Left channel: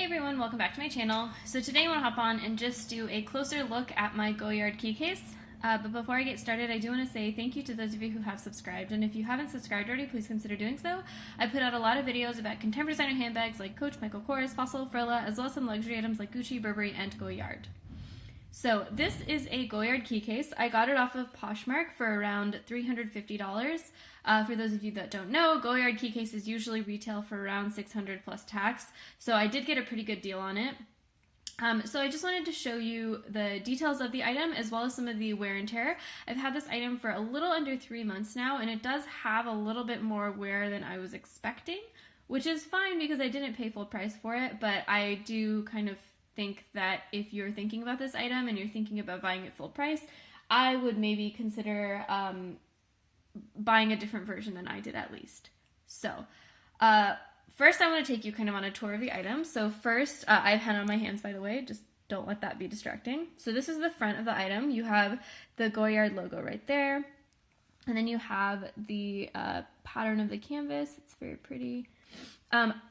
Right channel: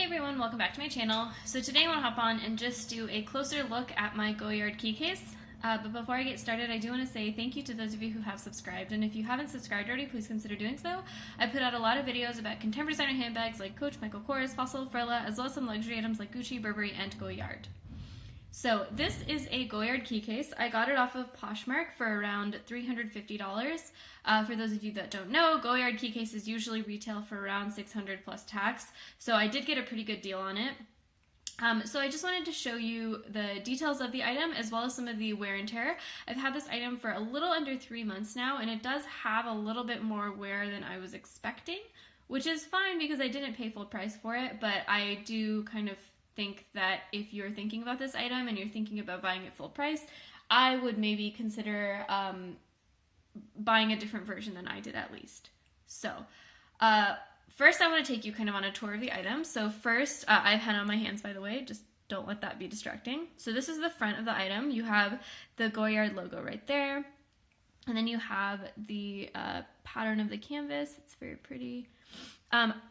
Hey everyone, welcome back to my channel. So today I want to hop on and just do a closer look at my Goyard key case. But before I get started, I do want to say thank you to those of you who have subscribed. And if you haven't subscribed already, please consider doing so. I put out a lot of videos about contemporary designer handbags like Coach, Michael Kors, Fossil, Frilla, as well as some luxury items like Gucci, Burberry, and Goyard. So this is a Goyard key case. I got it off of Poshmark for around $350. For those of you that don't know, Goyard key cases usually retail for around $600 plus tax, so I did get a pretty good deal on it. So I just wanted to show you the details of the item as well as some of the wear and tear. I've had this item for a little under 3 months now, and it does have a little bit more wear than I was expecting, which is fine because I didn't pay full price for it, but I do kind of think that if you're thinking about this item and you're thinking about buying it full price, I would maybe consider buying a different version than I did at least. So first I want to take you kind of on a tour of the item. So first, I've had on my hands, by the way, just don't let that be distracting. So this is the front of the item. You have the Goyard logo right there, and then you have the pattern of the canvas. It's very pretty.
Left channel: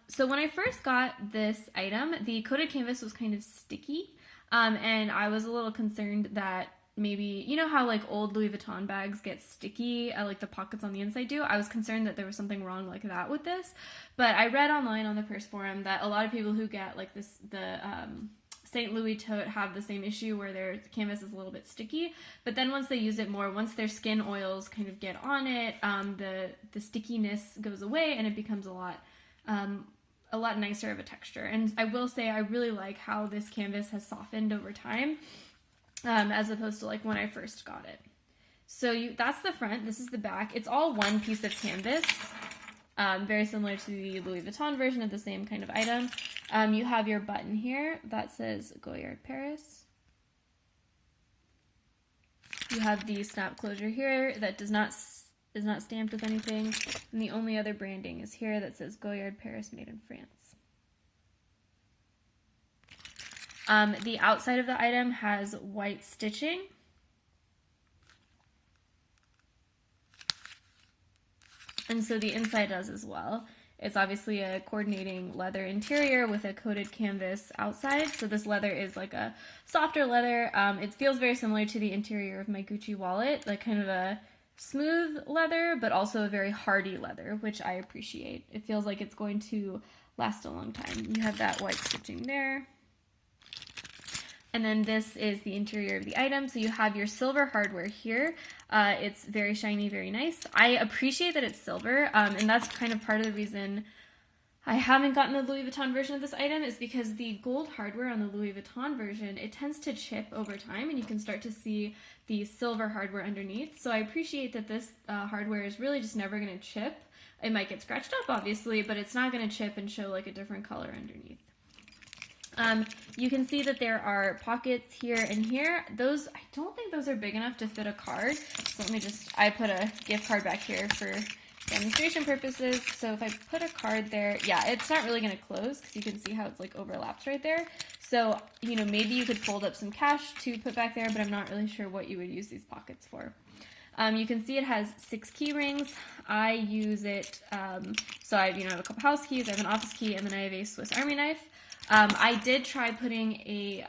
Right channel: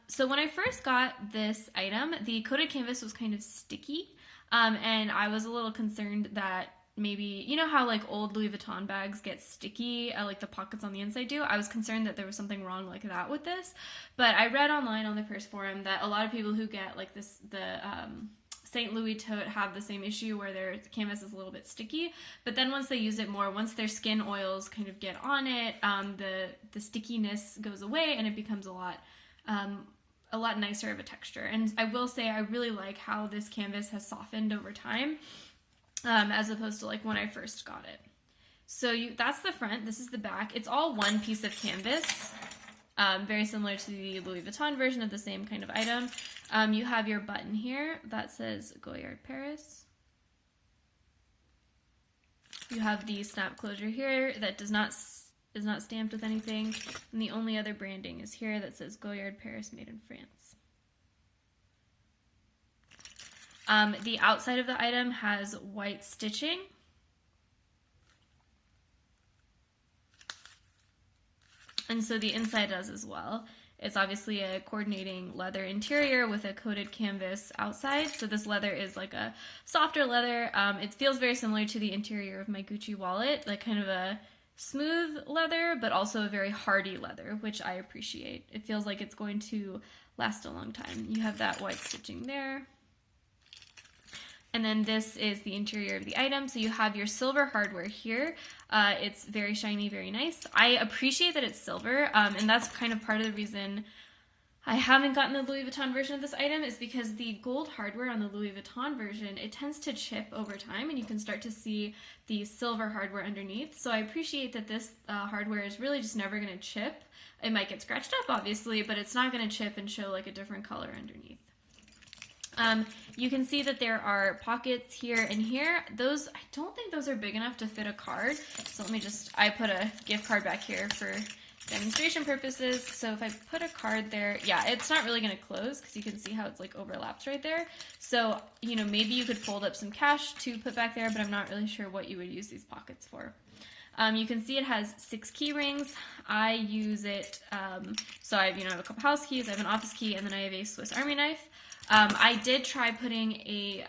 So when I first got this item, the coated canvas was kind of sticky, and I was a little concerned that maybe, you know how like old Louis Vuitton bags get sticky, like the pockets on the inside do? I was concerned that there was something wrong like that with this, but I read online on the purse forum that a lot of people who get like the St. Louis tote have the same issue where their canvas is a little bit sticky, but then once they use it more, once their skin oils kind of get on it, the stickiness goes away and it becomes a lot nicer of a texture. And I will say I really like how this canvas has softened over time, as opposed to like when I first got it. So that's the front, this is the back. It's all one piece of canvas, very similar to the Louis Vuitton version of the same kind of item. You have your button here that says Goyard Paris. You have the snap closure here that is not stamped with anything, and the only other branding is here that says Goyard Paris made in France. The outside of the item has white stitching. And so the inside does as well. It's obviously a coordinating leather interior with a coated canvas outside. So this leather is like a softer leather. It feels very similar to the interior of my Gucci wallet, like kind of a smooth leather, but also a very hardy leather, which I appreciate. It feels like it's going to last a long time. You have that white stitching there. And then this is the interior of the item. So you have your silver hardware here. It's very shiny, very nice. I appreciate that it's silver, and that's kind of part of the reason I haven't gotten the Louis Vuitton version of this item is because the gold hardware on the Louis Vuitton version, it tends to chip over time, and you can start to see the silver hardware underneath. So I appreciate that this hardware is really just never going to chip. It might get scratched up, obviously, but it's not going to chip and show like a different color underneath. You can see that there are pockets here and here. Those, I don't think those are big enough to fit a card. So let me I put a gift card back here for demonstration purposes. So if I put a card there, yeah, it's not really going to close because you can see how it's like overlaps right there. So, you know, maybe you could fold up some cash to put back there, but I'm not really sure what you would use these pockets for. You can see it has 6 key rings. I use it, so I have a couple house keys, I have an office key, and then I have a Swiss Army knife. I did try putting a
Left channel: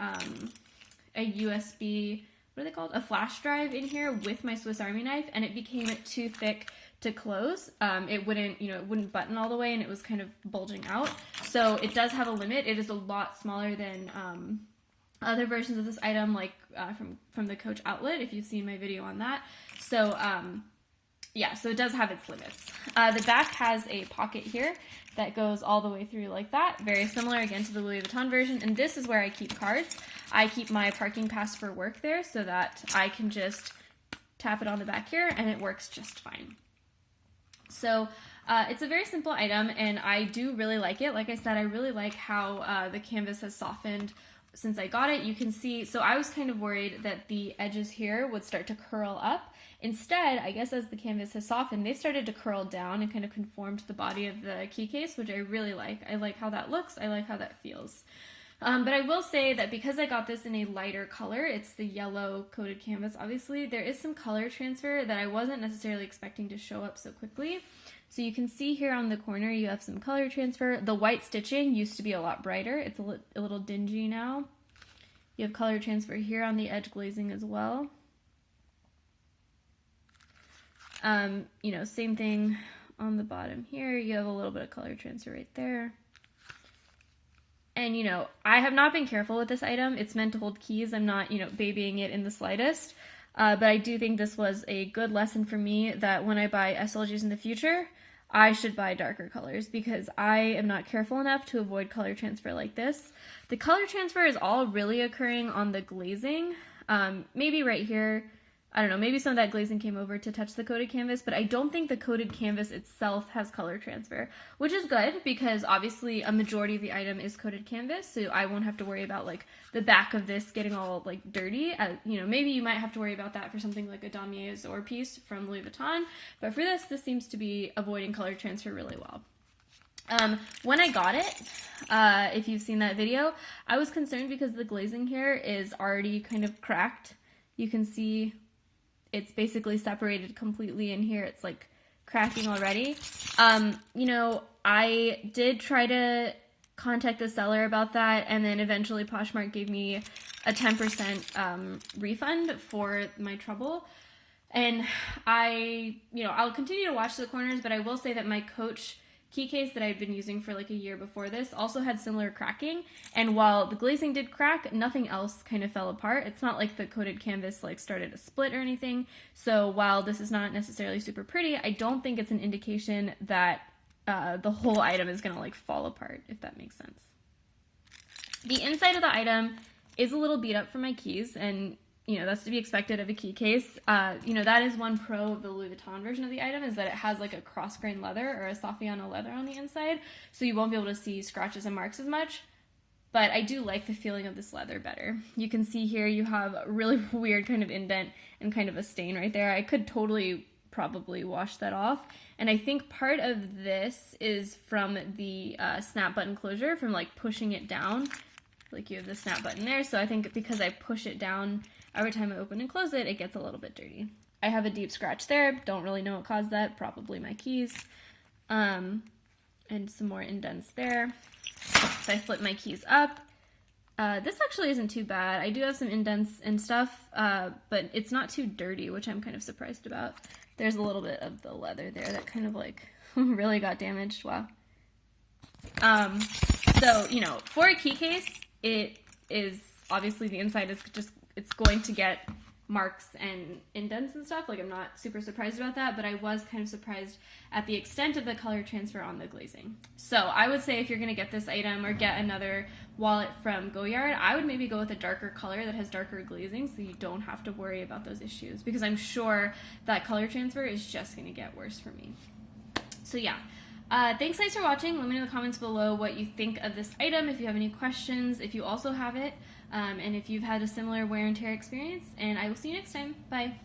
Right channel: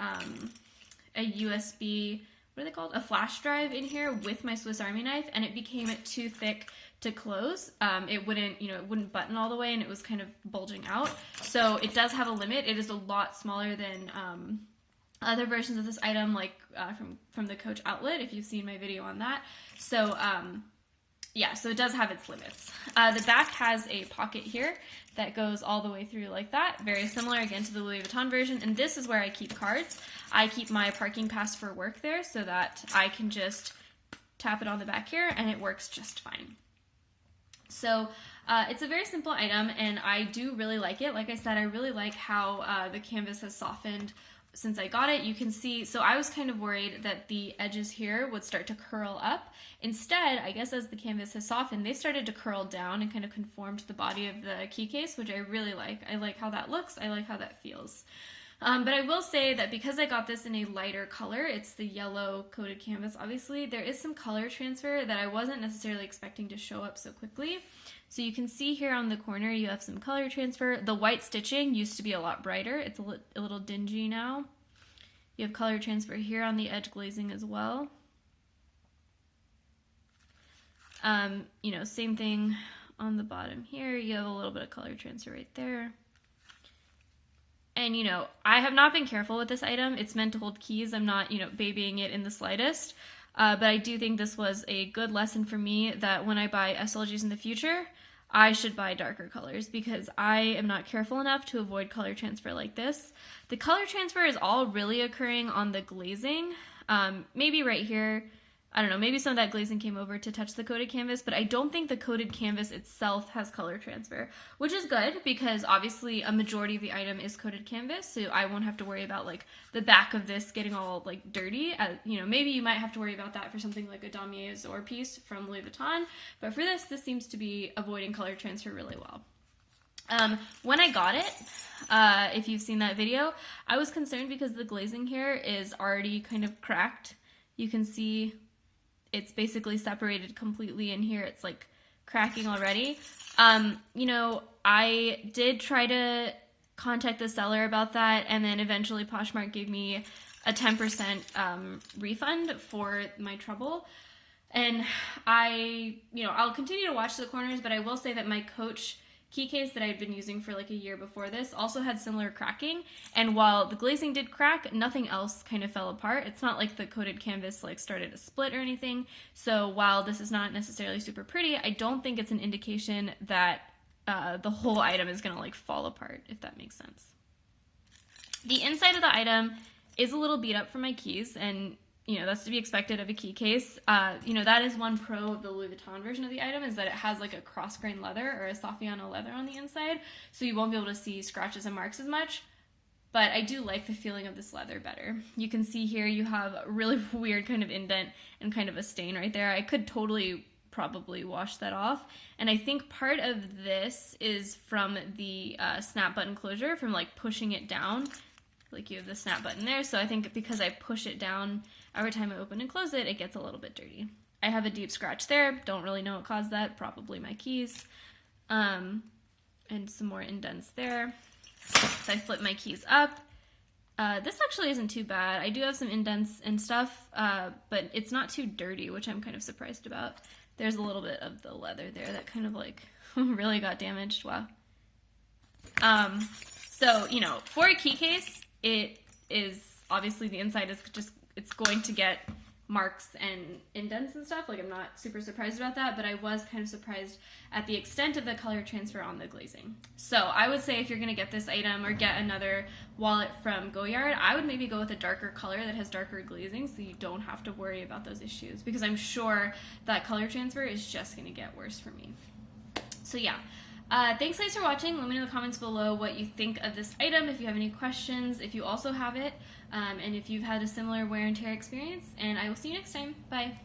USB, what are they called? A flash drive in here with my Swiss Army knife, and it became too thick to close. It wouldn't button all the way, and it was kind of bulging out. So it does have a limit. It is a lot smaller than other versions of this item, like from the Coach outlet, if you've seen my video on that. So yeah, so it does have its limits. The back has a pocket here that goes all the way through like that. Very similar again to the Louis Vuitton version. And this is where I keep cards. I keep my parking pass for work there so that I can just tap it on the back here and it works just fine. So it's a very simple item and I do really like it. Like I said, I really like how the canvas has softened since I got it. You can see, so I was kind of worried that the edges here would start to curl up. Instead, I guess as the canvas has softened, they started to curl down and kind of conform to the body of the key case, which I really like. I like how that looks. I like how that feels. But I will say that because I got this in a lighter color, it's the yellow coated canvas, obviously, there is some color transfer that I wasn't necessarily expecting to show up so quickly. So you can see here on the corner, you have some color transfer. The white stitching used to be a lot brighter. It's a little dingy now. You have color transfer here on the edge glazing as well. You know, same thing on the bottom here. You have a little bit of color transfer right there. And, you know, I have not been careful with this item. It's meant to hold keys. I'm not, you know, babying it in the slightest. But I do think this was a good lesson for me that when I buy SLGs in the future, I should buy darker colors because I am not careful enough to avoid color transfer like this. The color transfer is all really occurring on the glazing. Maybe right here, I don't know, maybe some of that glazing came over to touch the coated canvas, but I don't think the coated canvas itself has color transfer, which is good because obviously a majority of the item is coated canvas, so I won't have to worry about like the back of this getting all like dirty. You know, maybe you might have to worry about that for something like a damier or piece from Louis Vuitton, but for this seems to be avoiding color transfer really well. When I got it, if you've seen that video, I was concerned because the glazing here is already kind of cracked. You can see it's basically separated completely in here. It's like cracking already. You know, I did try to contact the seller about that, and then eventually Poshmark gave me a 10% refund for my trouble. And I'll continue to watch the corners, but I will say that my Coach key case that I'd been using for like a year before this also had similar cracking, and while the glazing did crack, nothing else kind of fell apart. It's not like the coated canvas like started to split or anything, so while this is not necessarily super pretty, I don't think it's an indication that the whole item is gonna like fall apart, if that makes sense. The inside of the item is a little beat up from my keys, and you know, that's to be expected of a key case. You know, that is one pro of the Louis Vuitton version of the item, is that it has like a cross-grain leather or a Saffiano leather on the inside, so you won't be able to see scratches and marks as much, but I do like the feeling of this leather better. You can see here you have a really weird kind of indent and kind of a stain right there. I could totally probably wash that off, and I think part of this is from the snap button closure, from like pushing it down. Like you have the snap button there, so I think because I push it down every time I open and close it, it gets a little bit dirty. I have a deep scratch there. Don't really know what caused that. Probably my keys. And some more indents there. So I flip my keys up. This actually isn't too bad. I do have some indents and stuff, but it's not too dirty, which I'm kind of surprised about. There's a little bit of the leather there that kind of like really got damaged. Wow. So, you know, for a key case, it is obviously the inside is just, it's going to get marks and indents and stuff. Like, I'm not super surprised about that, but I was kind of surprised at the extent of the color transfer on the glazing. So I would say if you're going to get this item or get another wallet from Goyard, I would maybe go with a darker color that has darker glazing so you don't have to worry about those issues, because I'm sure that color transfer is just going to get worse for me. So yeah. Thanks guys for watching. Let me know in the comments below what you think of this item, if you have any questions, if you also have it, and if you've had a similar wear and tear experience, and I will see you next time. Bye.